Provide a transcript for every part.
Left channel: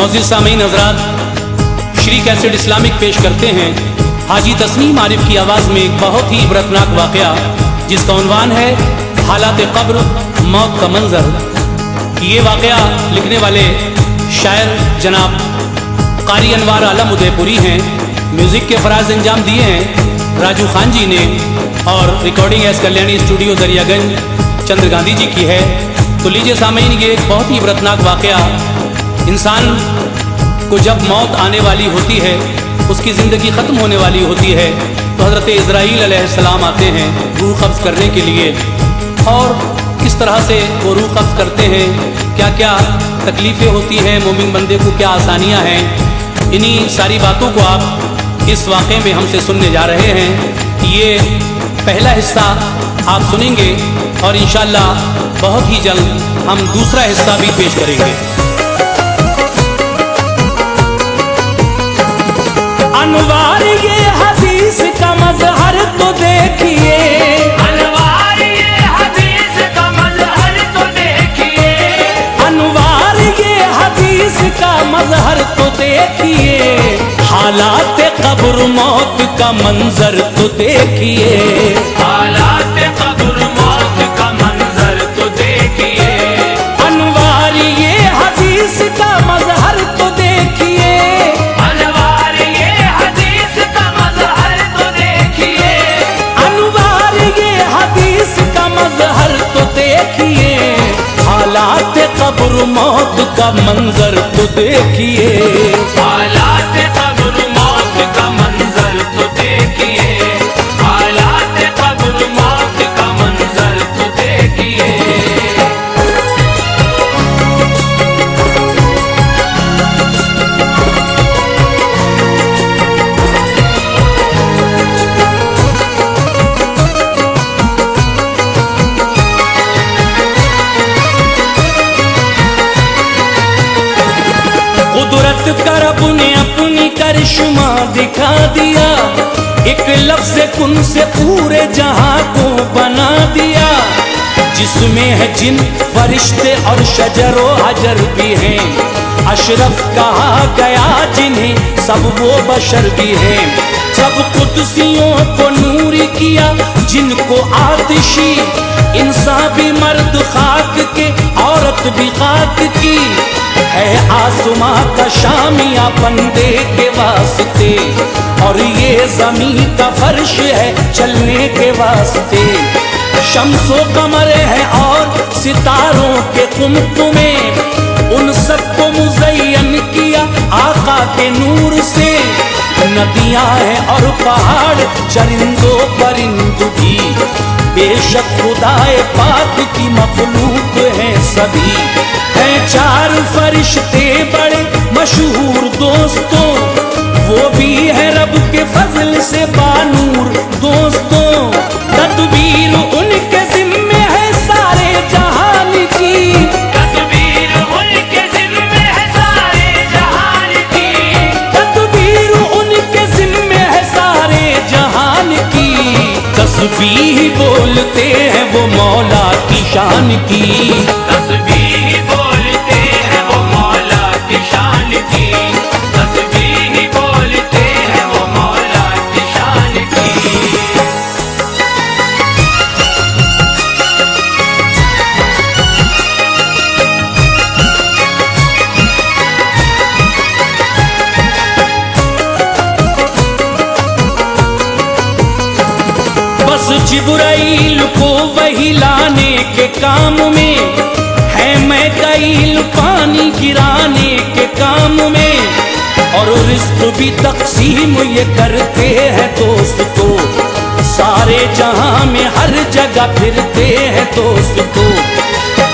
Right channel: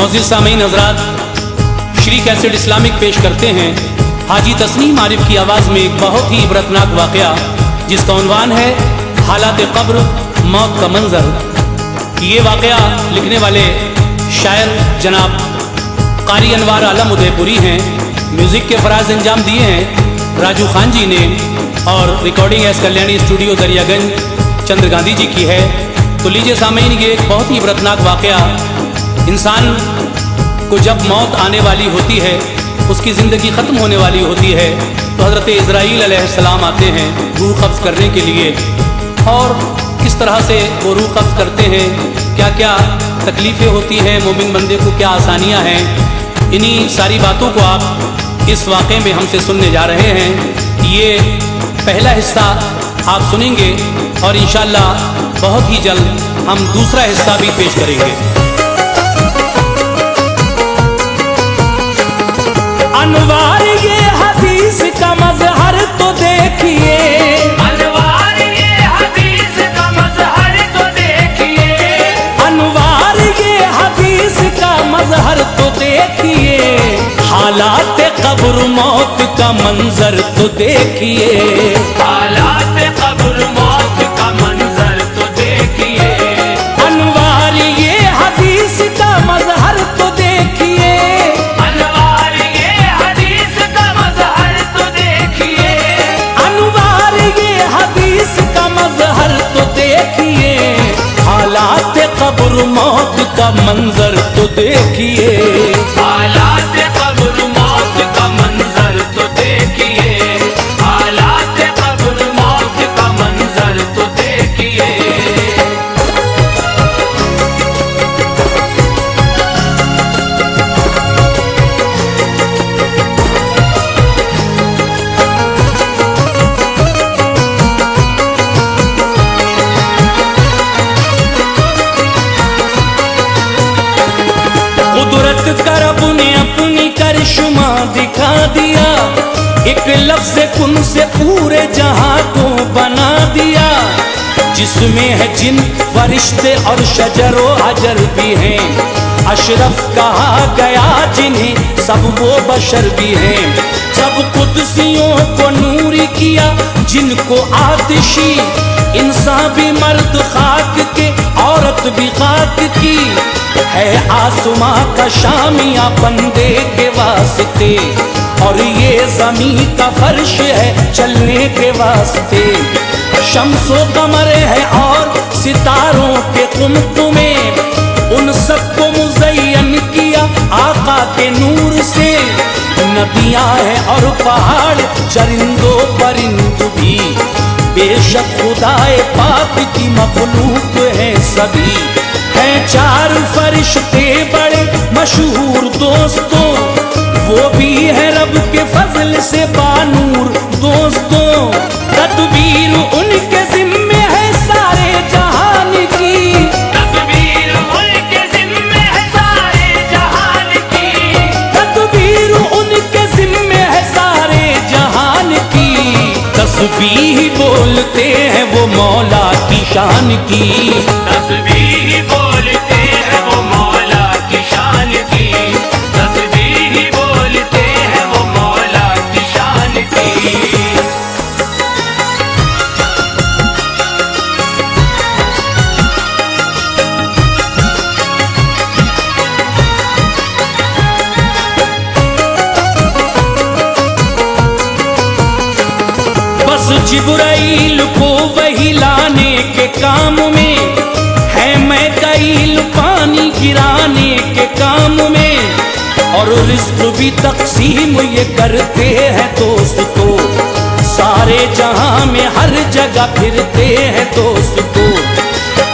मोअज़्ज़िज़ सामीन हज़रात, Shri cassette Islamic पेश करते हैं हाजी तस्नीम आरिफ की आवाज़ में एक बहुत ही इबरतनाक वाक़या जिसका उन्वान है हालात क़ब्र, मौत का मंज़र। ये वाक़या लिखने वाले शायर जनाब क़ारी अनवार आलम उदयपुरी हैं। म्यूज़िक के फ़राज़ अंजाम दिए हैं राजू खान जी ने और recording S Kalyani studio Daryaganj Chandra Gandhi ji की है। तो लीजिए सामीन, ये एक बहुत ही इबरतनाक वाक़या, इंसान को जब मौत आने वाली होती है, उसकी ज़िंदगी ख़त्म होने वाली होती है, तो हज़रत इज़राईल अलैहिस्सलाम आते हैं रूह कब्ज़ करने के लिए। और किस तरह से वो रूह कब्ज़ करते हैं, क्या क्या तकलीफ़ें होती हैं, मोमिन बंदे को क्या आसानियाँ हैं, इन्हीं सारी बातों को आप इस वाक़े में हमसे सुनने जा रहे हैं। ये पहला हिस्सा आप सुनेंगे और इंशाअल्लाह बहुत ही जल्द हम दूसरा हिस्सा भी पेश करेंगे। अनवार ये हदीस का मज़हर तो देखिए, अनवार ये हदीस का मज़हर तो देखिए, अनवार ये हदीस का मज़हर तो देखिए, हालात क़ब्र मौत का मंजर तो देखिए, हालात क़ब्र मौत का मंजर तो देखिए, अनवार ये हदीस का मज़हर तो देखिए, अनवार ये हदीस का मज़हर तो देखिए, अनवार ये हदीस का मज़हर तो देखिए, हालात क़ब्र मौत का मंजर तो देखिए, हालात क़ब्र मौत का मंजर तो देखिए, हालात क़ब्र मौत का मंजर तो देखिए। कुदरत का रब ने अपनी करिश्मा दिखा दिया, एक लफ्ज़ कुन से पूरे जहां को बना दिया, जिसमें है जिन फरिश्ते और शजरो हजर भी हैं, अशरफ कहा गया जिन्हें सब वो बशर भी हैं, सब कुदसियों को नूरी किया जिनको आतिशी, इंसान भी मर्द खाक के औरत भी खाक की, है आसमां का शामिया बंदे के वास्ते, और ये ज़मीन का फर्श है चलने के वास्ते, शम्सो कमर है और सितारों के कुमकुमे, उन सबको मुज़य्यन किया आका के नूर से, नदियां हैं और पहाड़ चरिंदो परिंद भी, बेशक खुदाए पाक की मखलूक है सभी, हैं चार फरिश्ते बड़े मशहूर दोस्तों, वो भी है रब के फजल से बानूर दोस्तों, तदबीर उनके जिम्मे है सारे जहान की, तदबीर उनके जिम्मे है सारे जहान की, तदबीर उनके जिम्मे है सारे जहान की, तस्बीह बोलते हैं वो मौला की शान की, तस्बीह बोलते हैं वो मौला की शान की, तस्बीह बोलते हैं वो मौला की शान की। बस जिब्राइल को वही लाने के काम में है, मैकाईल पानी गिराने के काम में, और रिज़्क़ भी तक़सीम ये करते हैं दोस्तों, सारे जहां में हर जगह फिरते हैं दोस्तों,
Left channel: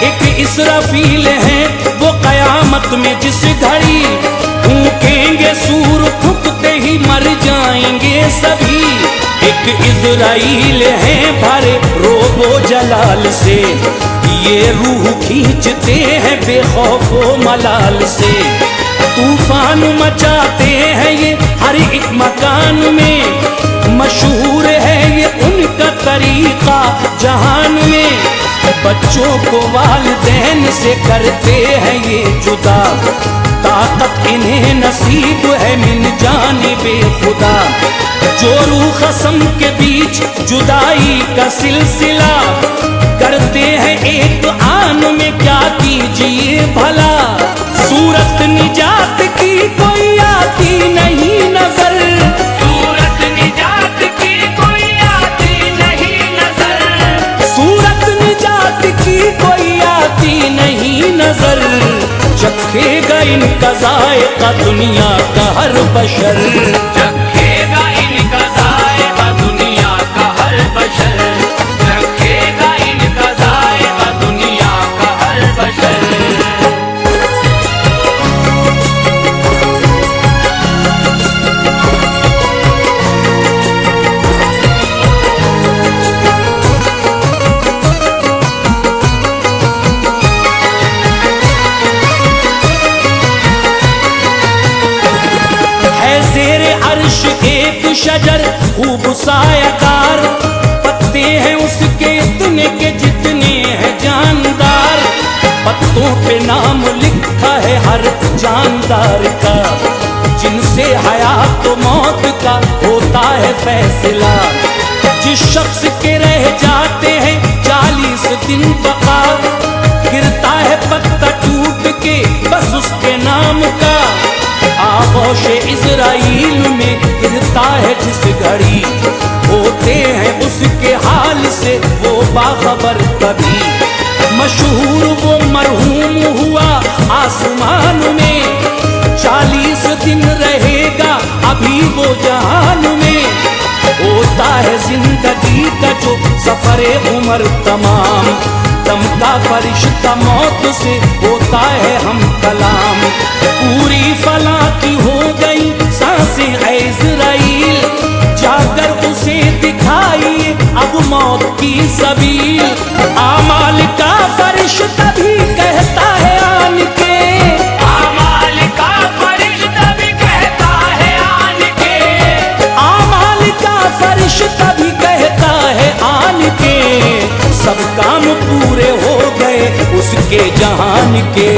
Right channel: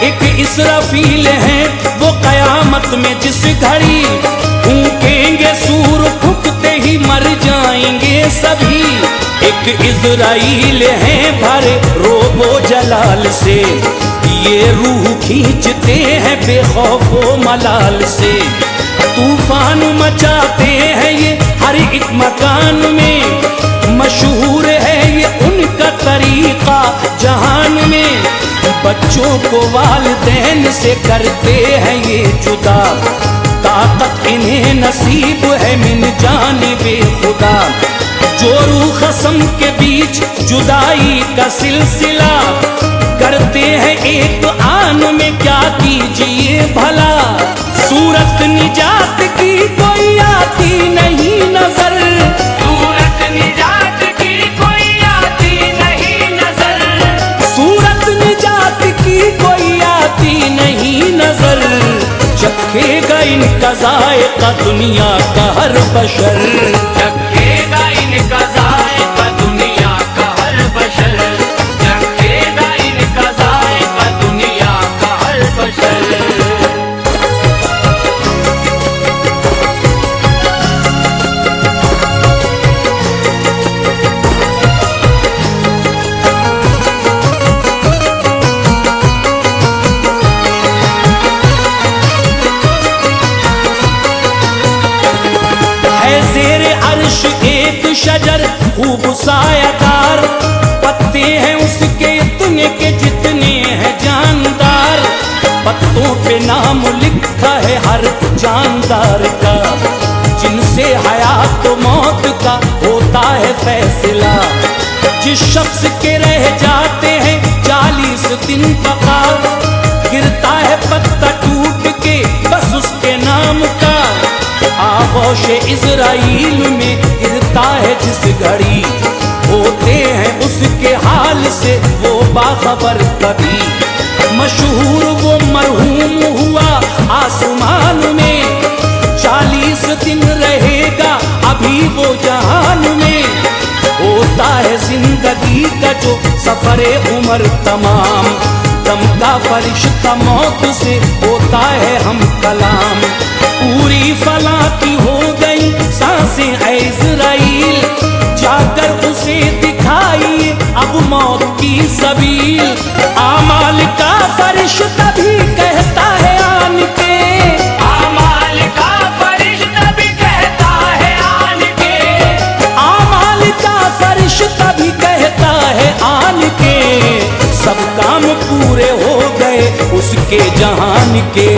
एक इसराफील है वो क़यामत में जिस घड़ी फूकेंगे सूर फूकते ही मर जाएंगे सभी, एक इज़राइल है भरे रोबो जलाल से, ये रूह खींचते हैं बेखौफो मलाल से, तूफान मचाते हैं ये हर एक मकान में, मशहूर है ये उनका तरीका जहान में, बच्चों को वालिदैन से करते हैं ये जुदा, ताकत इन्हें नसीब है मिन जानिबे खुदा। जो रूह खसम के बीच जुदाई का सिलसिला, करते हैं एक आन में क्या कीजिए भला। सूरत निजात की कोई आती नहीं नजर, सूरत निजात की कोई आती नहीं नजर, सूरत निजात की कोई आती नहीं नजर। चखेगा इनका जायका दुनिया का हर बशर, चखेगा इनका जायका दुनिया का हर बशर, चखेगा इनका जायका दुनिया का हर बशर। है ज़ेरे अर्श एक शजर खूब सायादार, पत्ते हैं उसके इतने के जितने हैं जानदार। पत्तों पे नाम लिखा है हर जानदार का, जिनसे हयात तो मौत का होता है फैसला। जिस शख्स के रह जाते हैं 40 दिन बका, गिरता है पत्ता टूट के बस उसके नाम का। आगोश इज़राइल में गिरता है जिस घड़ी, होते हैं उसके हाल से वो बाखबर कभी। मशहूर वो मरहूम हुआ आसमान में, 40 दिन रहेगा अभी वो जहान में। होता है जिंदगी का जो सफरे उम्र तमाम, दम का फरिश्ता मौत से होता है हम कलाम। पूरी फला की हो गई सांसें ऐ इज़राइल, जाकर उसे दिखाइए अब मौत की सबील। आमाल का फरिश्ता भी कहता है आन के, आमाल का फरिश्ता भी कहता है आन के, आमाल का फरिश्ता भी कहता है आन के। सब काम पूरे हो गए उसके जहान के,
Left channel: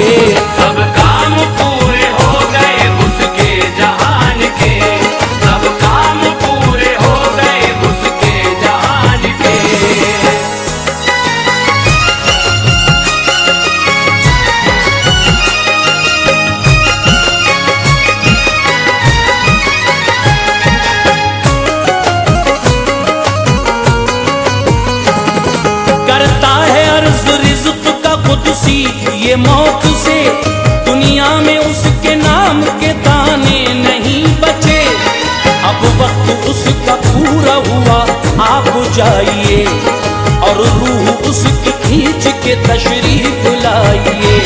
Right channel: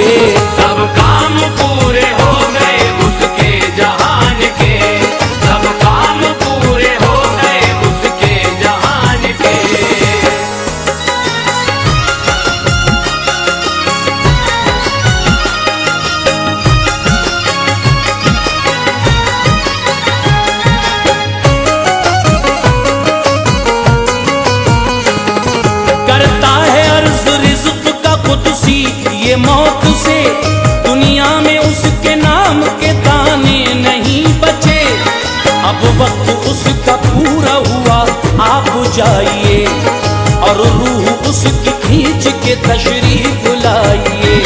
सब काम पूरे हो गए उसके जहान के, सब काम पूरे हो गए उसके जहान के। करता है अर्ज रिज़्क़ का कुदसी ये मौत से, दुनिया में उसके नाम के दाने नहीं बचे। अब वक्त उसका पूरा हुआ आप जाइए, और रूह उसकी खींच के तशरीफ लाइए।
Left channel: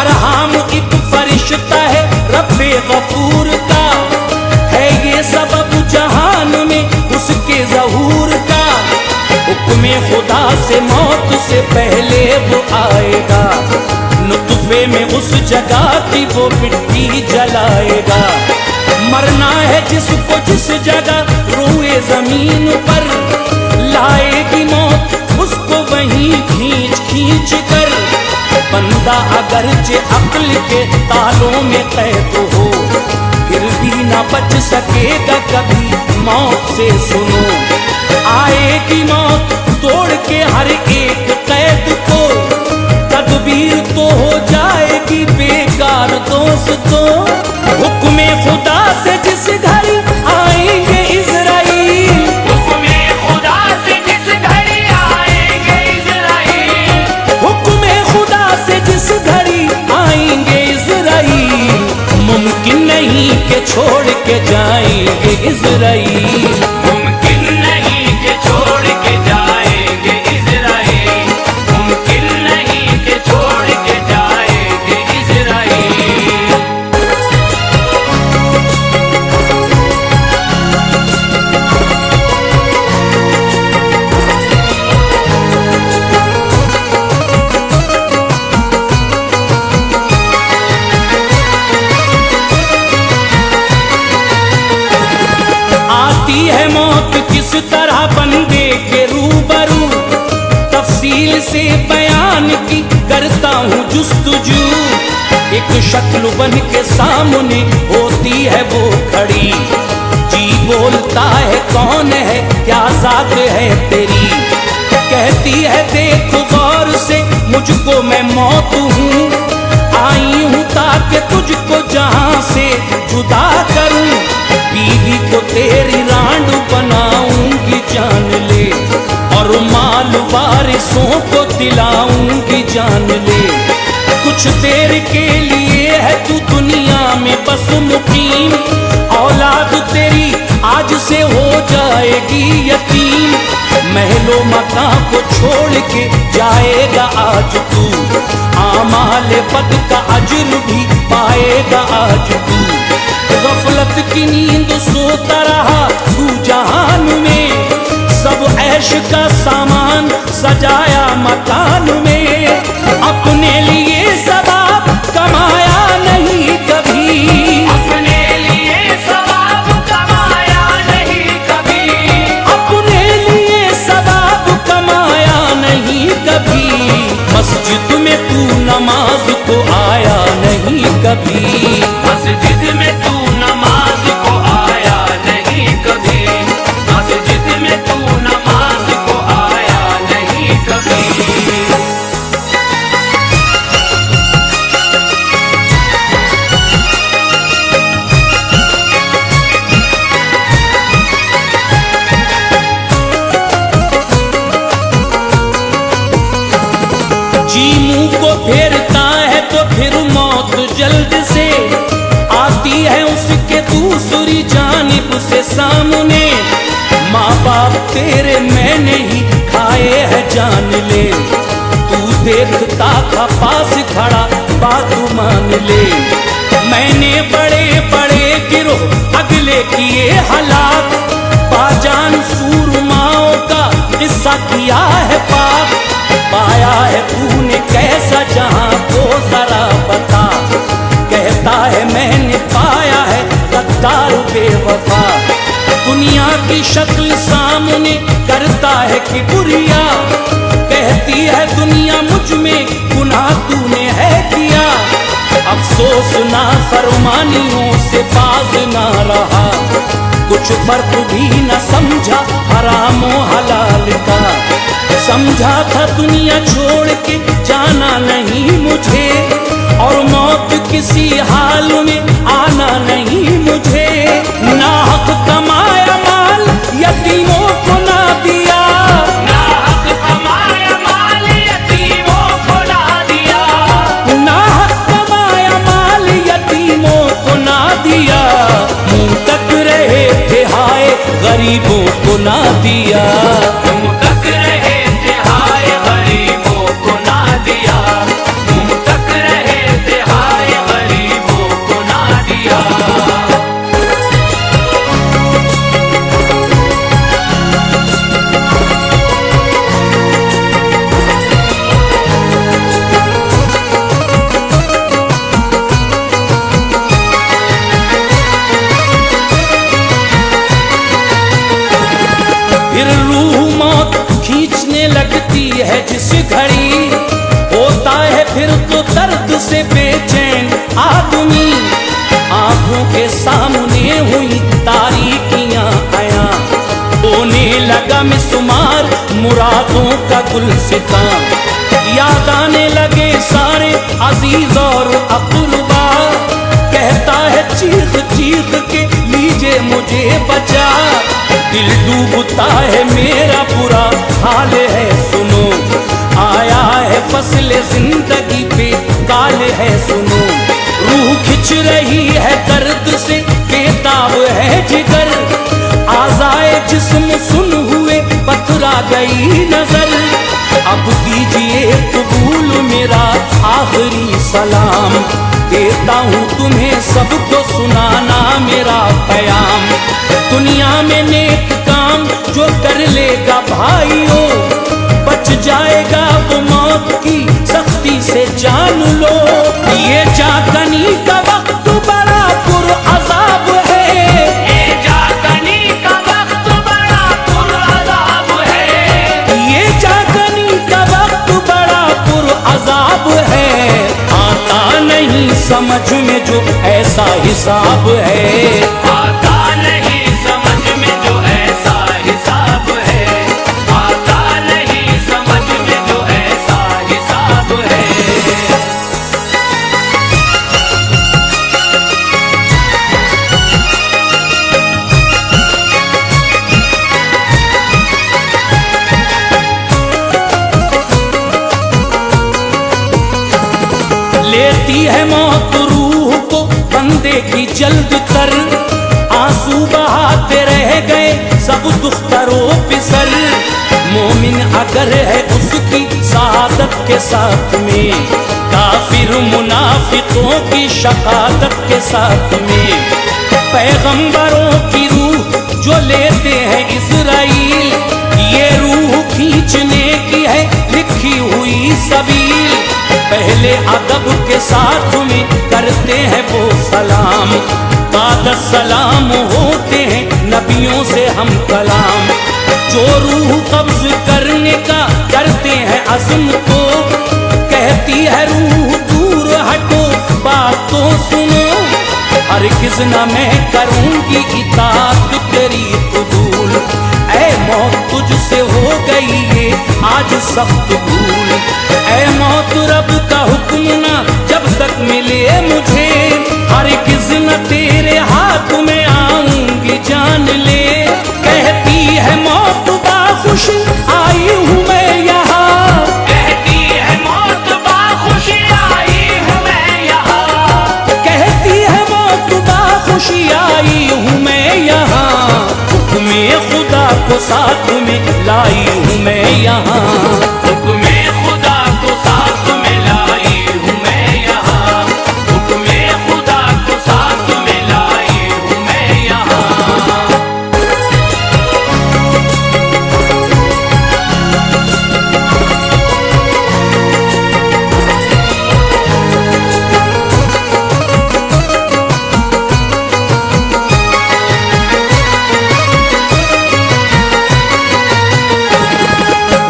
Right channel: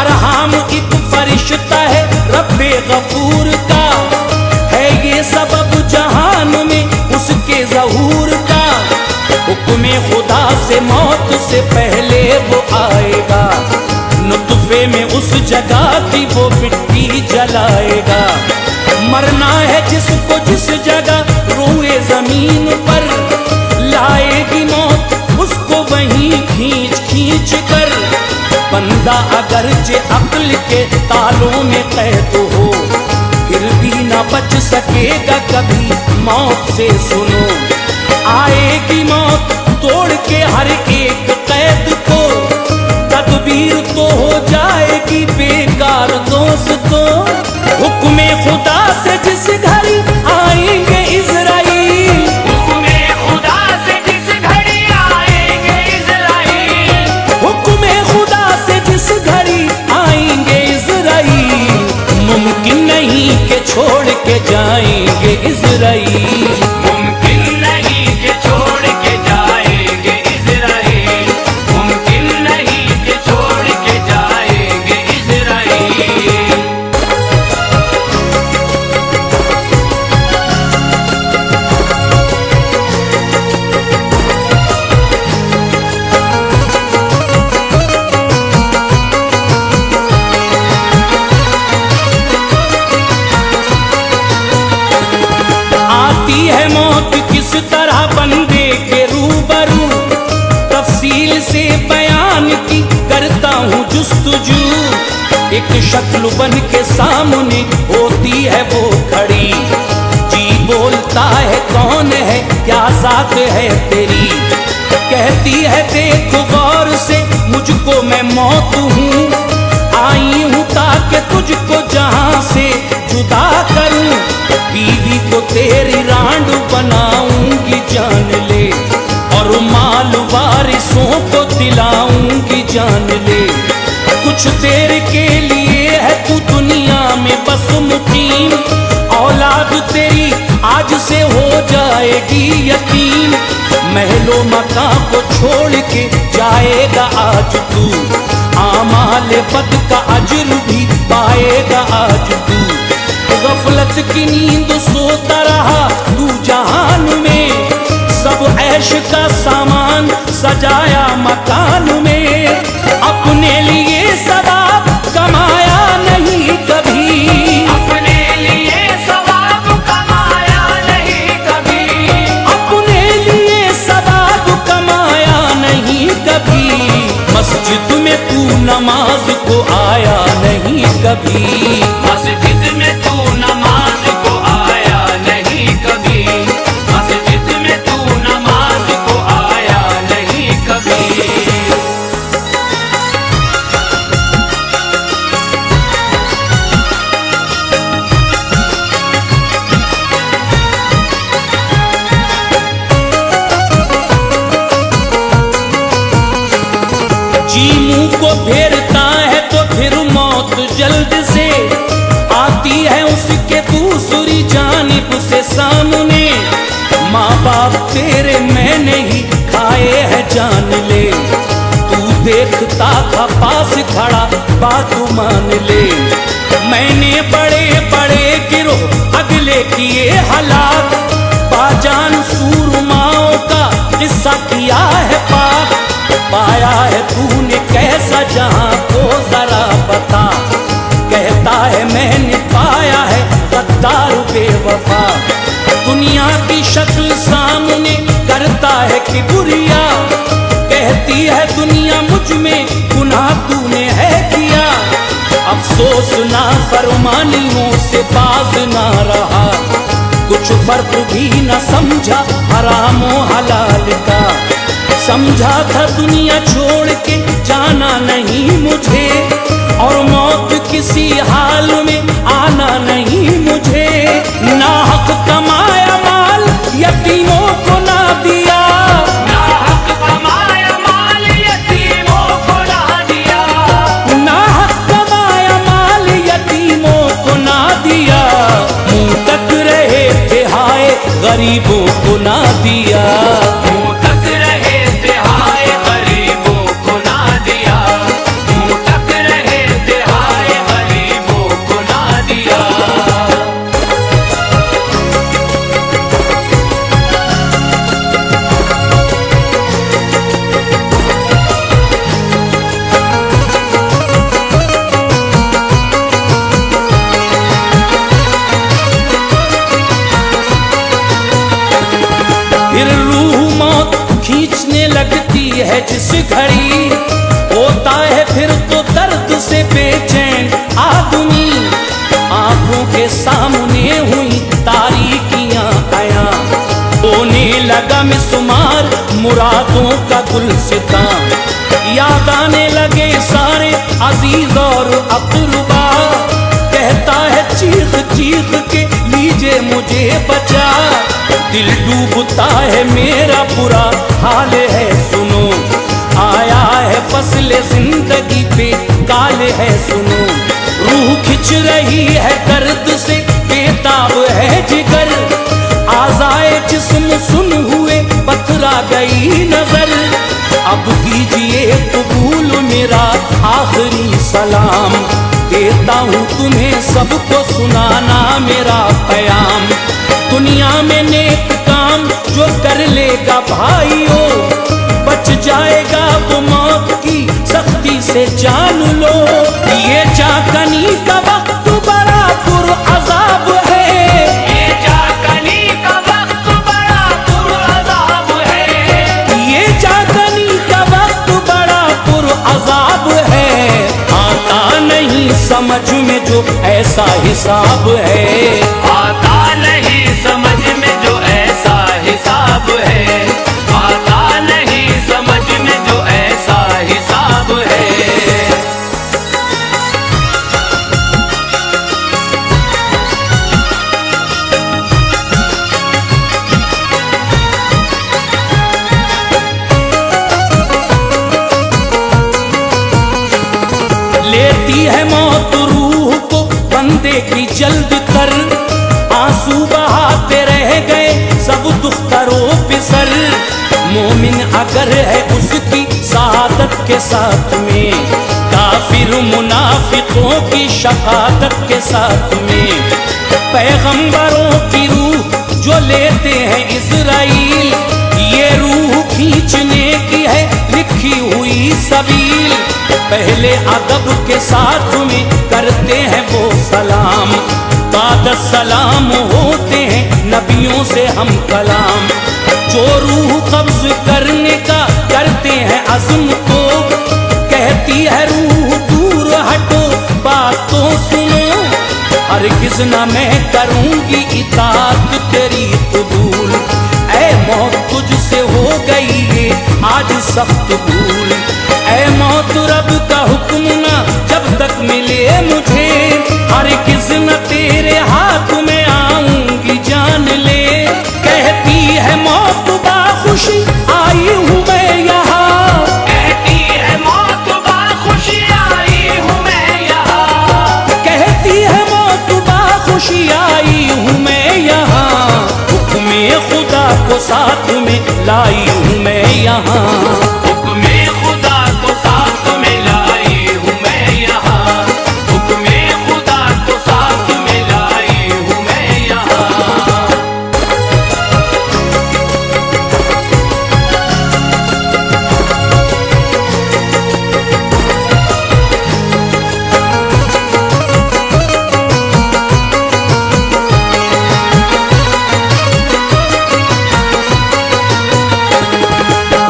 अरहाम एक फरिश्ता है रब्बे गफूर का, है ये सबब जहान में उसके ज़हूर का। हुक्म खुदा से मौत से पहले वो आएगा, नुत्फे में उस जगह की वो मिट्टी जलाएगा। मरना है जिसको जिस जगह रोए जमीन पर, लाएगी मौत उसको वहीं खींच खींच कर। बंदा अगरचे अक्ल के तालों में कैद हो, फिर भी ना बच सकेगा कभी मौत से। सुनो आएगी मौत तोड़ के हर एक कैद को, तदबीर तो हो जाएगी बेकार दोस्तों। हुक्म खुदा से जिस घड़ी आएंगे इज़राइल, हुक्म खुदा से जिस घड़ी आएंगे इज़राइल, हुक्म खुदा से जिस घड़ी आएंगे इज़राइल। मुमकिन नहीं कि छोड़ के जाएंगे इज़राइल, मुमकिन नहीं कि छोड़ के जाएंगे इज़राइल, मुमकिन नहीं कि छोड़ के जाएंगे इज़राइल। आती है मौत किस तरह बंदे के रूबरू, तफसील से बयान की करता हूँ जुस्तजू। एक शक्ल बन के सामने होती है वो खड़ी। जी बोलता है कौन है क्या जात है तेरी, कहती है देखो गौर से मुझको मैं मौत हूँ, आई हूँ ताकि तुझको जहां से जुदा करूं, बीवी को तेरी रांड बनाऊंगी जान ले, और माल वारिसों को दिलाऊंगी जान ले। कुछ देर के लिए है तू दुनिया में बस मुकीम, औलाद तेरी आज से हो जाएगी यतीम, महलो मकां को छोड़ के जाएगा आज तू, आमाल बद का अजर भी पाएगा आज तू। गफलत की नींद सोता रहा तू जहान में, सब ऐश का सामान सजाया मकान में, अपने लिए सवाब कमाया नहीं कभी, अपने लिए सवाब कमाया नहीं कभी, अपने लिए सवाब कमाया नहीं कभी, मस्जिद में तू नमाज को आया नहीं कभी, मस्जिद में तू नमाज को आया नहीं कभी, मस्जिद में तू नमाज को आया नहीं कभी। जी मुंह को फेरता है तो फिर मौत जल्द से आती है उसके दूसरी जानिब से सामने, माँ बाप तेरे मैंने ही खाए है जान ले, तू देखता था पास खड़ा बात मान ले, मैंने बड़े बड़े गिरोह अगले किए हलाक, बाजान सूरमाओं का किस्सा किया है पाक, पाया है तूने कैसा जहां को जरा बता, कहता है मैंने पाया है गद्दार बेवफा, दुनिया की शक्ल सामने करता है कि बुरिया, कहती है दुनिया मुझ में गुनाह तूने है किया, अफसोस ना फरमानियों से बाज ना रहा, कुछ फर्क भी न समझा हराम और हलाल का, समझा था दुनिया छोड़ के जाना नहीं मुझे, और मौत किसी हाल में आना नहीं मुझे, नाहक कमाया माल यतीमों को ना दिया, नाहक कमाया माल यतीमों को ना दिया, नाहक कमाया माल यतीमों को ना दिया, मुंह तक रहे थे हाय गरीबों को ना दिया, मुंह तक रहे थे हाय गरीबों को ना दिया, मुंह तक रहे थे हाय गरीबों को ना दिया। फिर रूह मौत खींचने लगती है जिस घड़ी, होता है फिर तो दर्द से बेचैन आदमी, आंखों के सामने हुई तारीकियां आया, होने लगा मिसमार मुरादों का गुलसितां, याद आने लगे सारे अजीज और अक़रबा, कहता है चीख चीख के लीजिए मुझे बचा, दिल डूबता है मेरा बुरा हाल है सुनो, आया है फसले जिंदगी पे काल है सुनो, रूह खिंच रही है दर्द से बेताब है जिगर, आज़ाए जिस्म सुन हुए पथरा गई नजर, अब कीजिए कबूल मेरा आखिरी सलाम, देता हूँ तुम्हें सबको सुनाना मेरा पैगाम, दुनिया में नेक काम जो कर लेगा भाइयों, बच जाएगा वो मौत की सख्ती से जान लो, ये जागनी का वक्त बड़ा पुरअज़ाब है, ये जागनी का वक्त बड़ा पुरअज़ाब है, ये जागनी का वक्त बड़ा पुरअज़ाब है, आता नहीं समझ में जो ऐसा हिसाब है, आता नहीं समझ में जो ऐसा हिसाब है, आता नहीं समझ में जो ऐसा हिसाब है। लेती है मौत रूह को बंदे की जल्द कर, आंसू बहाते रह गए सब दुख्तरो पिसर। मोमिन अगर है उसकी शहादत के साथ में, काफिर मुनाफिकों की शहादत के साथ में। पैगंबरों की रूह जो लेते हैं इज़राइल, ये रूह खींचने की है लिखी हुई सबील। पहले अदब के साथ में करते हैं वो सलाम, बाद सलाम होते हैं नबियों से हम कलाम। जो रूह कब्ज करने का करते हैं अज़्म तो, कहती है रूह दूर हटो बात तो सुनो। हरगिज़ न मैं करूँगी इताअत तेरी कबूल, ऐ मौत तुझसे हो गई ये आज सख्त भूल। ऐ मौत रब का हुक्म ना जब तक मिले मुझे, हरगिज़ न तेरे हाथ में आऊंगी जान ले। कहती है मौत बाखुशी आई हूँ मैं यहाँ, कहती है मौत बाखुशी आई हूँ मैं यहाँ, कहती है मौत बाखुशी आई हूँ मैं यहाँ। हुक्मे खुदा को साथ में लाई हूँ मैं यहाँ, हुक्मे खुदा को साथ में लाई हूँ मैं यहाँ, हुक्मे खुदा को साथ में लाई हूँ मैं यहाँ।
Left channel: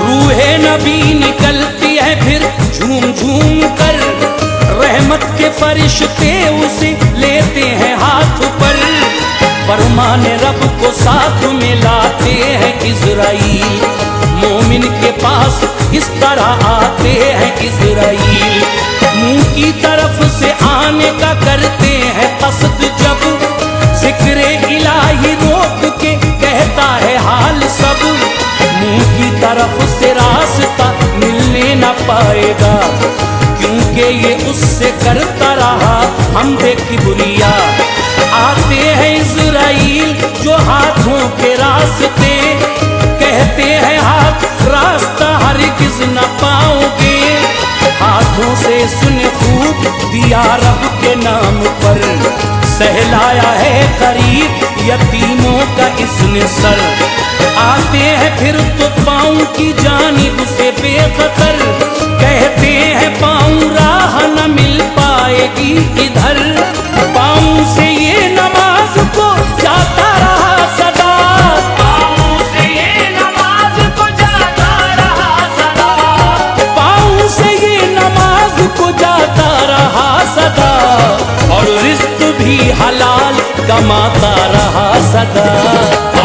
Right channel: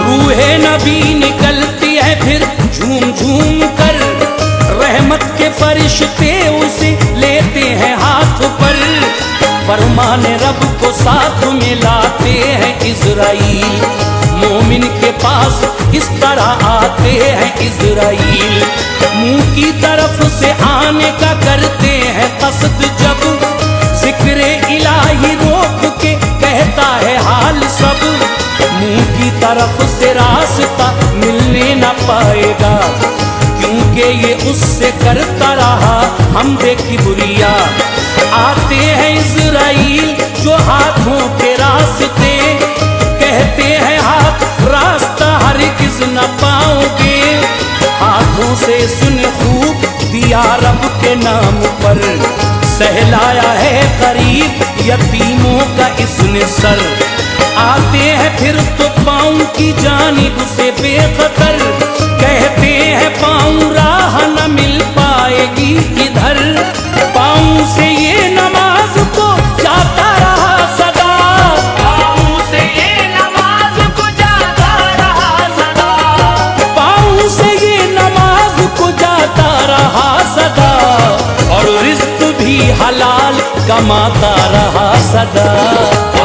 रूहे नबी निकलती है फिर झूम झूम कर, रहमत के फरिश्ते उसे लेते हैं हाथ पर। फरमाने रब को साथ में लाते हैं इज़राइल, मोमिन के पास इस तरह आते हैं इज़राइल। मुंह की तरफ से आने का करते हैं कसद जब, जिक्र इलाही रोक के कहता है हाल सब। मुंह की तरफ से रास्ता मिलने न पाएगा, क्योंकि ये उससे करता रहा हमदे किबरिया। आते हैं इज़राइल जो हाथों के रास्ते, कहते हैं हाथ रास्ता हरगिज़ न पाओगे। हाथों से सुने खूब दिया रब के नाम पर, सहलाया है गरीब यतीमों का इसने सर। आते हैं फिर तो पाँव की जानिब से बेखतर, कहते हैं पाँव राह न मिल पाएगी इधर। पाँव से ये नमाज को जाता रहा सदा, पाँव से ये नमाज को जाता रहा सदा, पाँव से ये नमाज को जाता रहा सदा। और रिज़्क़ भी हलाल कमाता रहा सदा।